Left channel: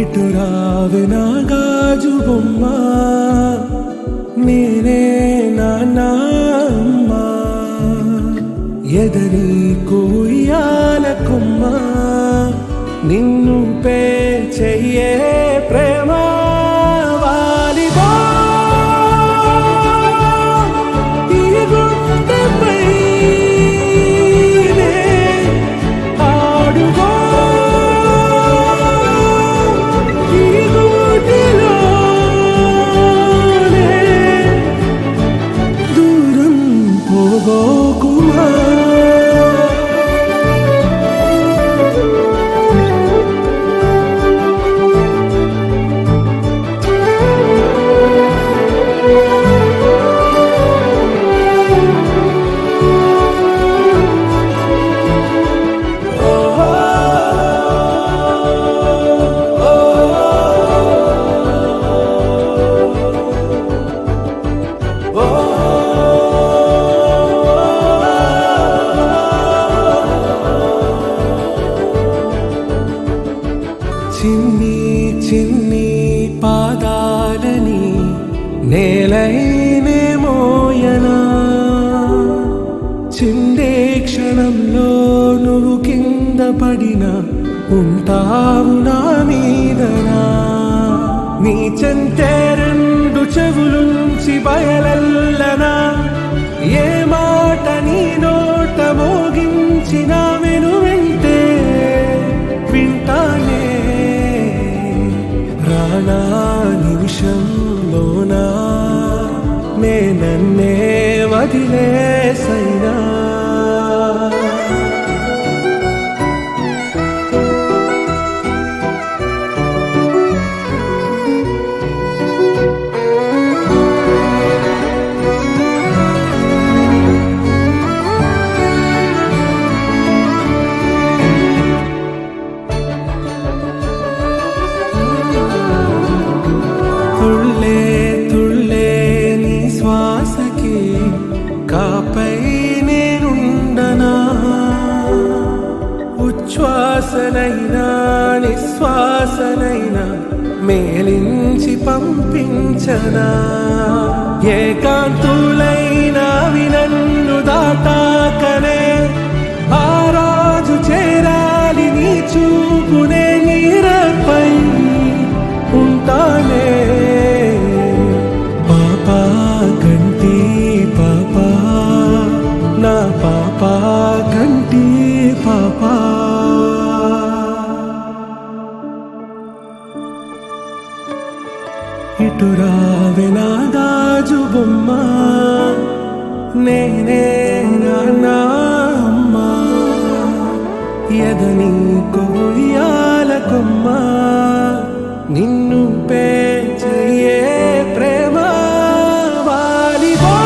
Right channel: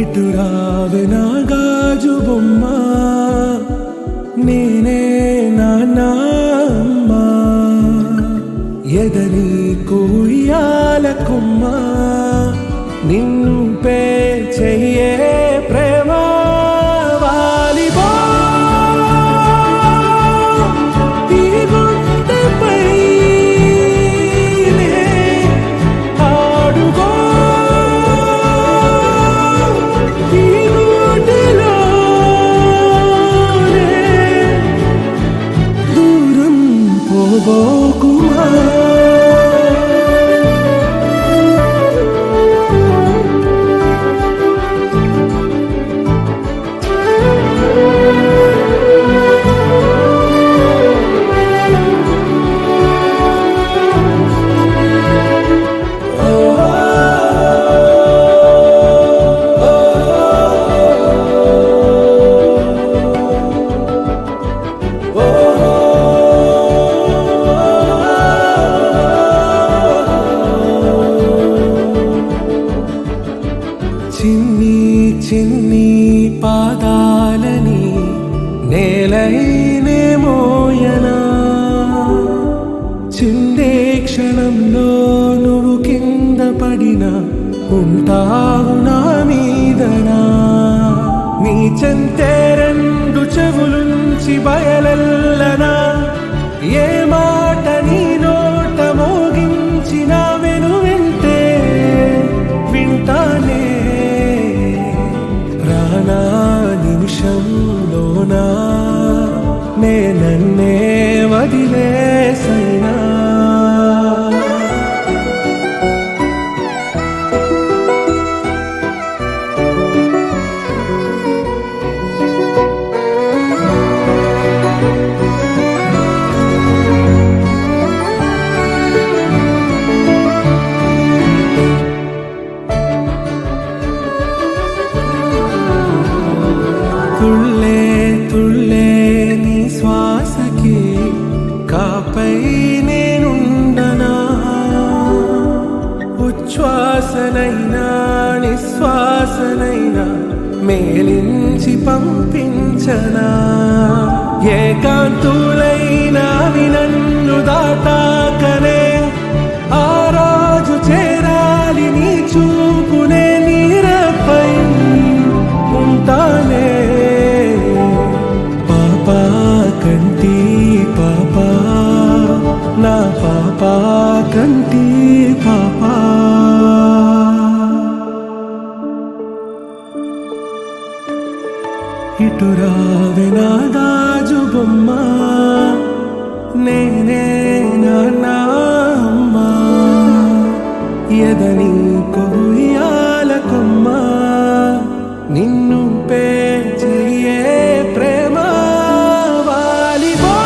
ఇటు రావే నా గాజు బొమ్మ, నేనే నాన్న అమ్మ, ఎదని కొయ్యాల కొమ్మ, నిన్ను పే చెయ్యే ప్రేమ వాలిబో ఈ గుండెపై ఆడుగో ఈ గుడిలోనే దూరం పోబోకుమా. చిన్ని చిన్ని పాదాలని నేలైనే మోయనా, చిందే క్షణంలో నువ్వు కింద పడినా ఉంటావు నా మీదనా. నీ చెంతే రెండు చెవులుంచి బయలెల్లనా, ఏ మాట నీ నోట మోగించిన వెను వింటే వింటానే. రానా నిమిషంలోనా నే నన్నే వదిలేసైనా, తుళ్ళే తుళ్ళే నీ శ్వాసకి కాపై నేనుండనా, ఉచ్ఛ్వాసనైనా నిశ్వాసనైనా మేలించి పంపించనా. ఏకాంతులైనా నన్ను దాటాకనే ఆ రాజు చేరాలి నీ చూపునే నీరపై ఉంటానే. పాపా కంటి పాపా నా పాపా కంటి పాపా. ఇటు రావే నా గాజు బొమ్మ, నేనే నాన్న అమ్మ, ఎదని కొయ్యాల కొమ్మ, నిన్ను పే చెయ్యే ప్రేమ వాలిబో.